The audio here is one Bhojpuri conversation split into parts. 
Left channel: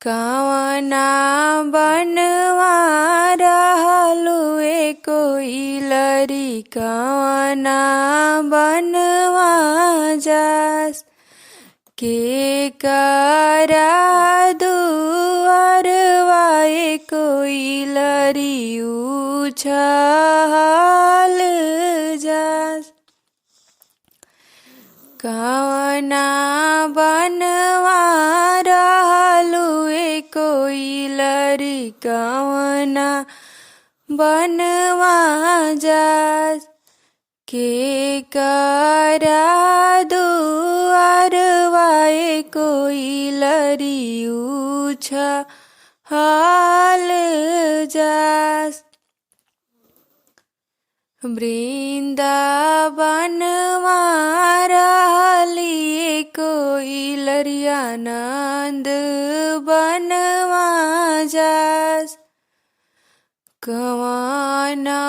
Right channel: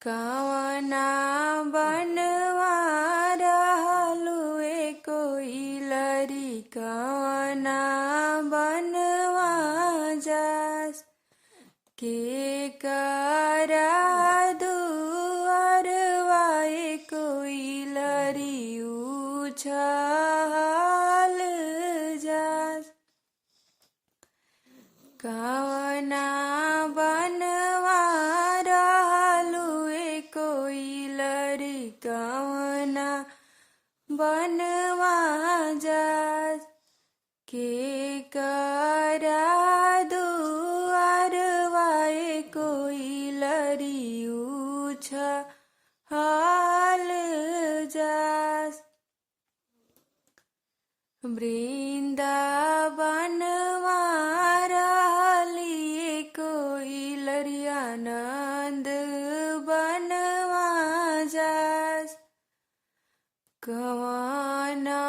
कवना बनवा रहलुए कोइलरी कवना बनवा जास के करा दुअरवाए कोइलरी उछल जास कवना बनवा रहलुए कोइलरी कवना बनवा जास के करा दुअरवाए कोइलरी उछल जास वृंदावनवा रहलिए कोइलरिया नंद बनवा जास कवना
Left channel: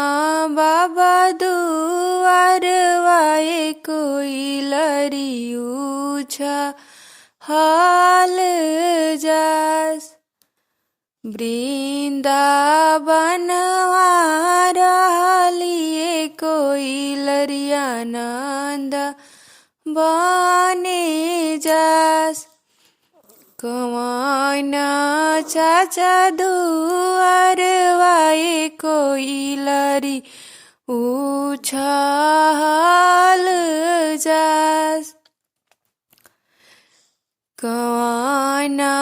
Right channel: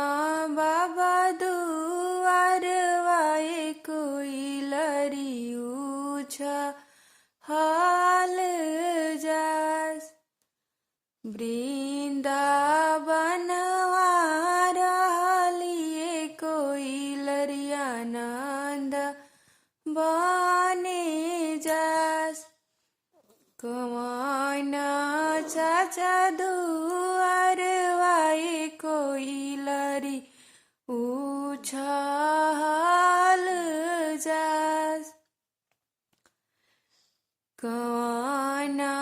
बाबा दुअरवाए कोइलरी उछल जास वृंदावनवा रहलिए कोइलरिया नंद बने जास कवना चाचा दुअरवाए कोइलरी उछल जास कवना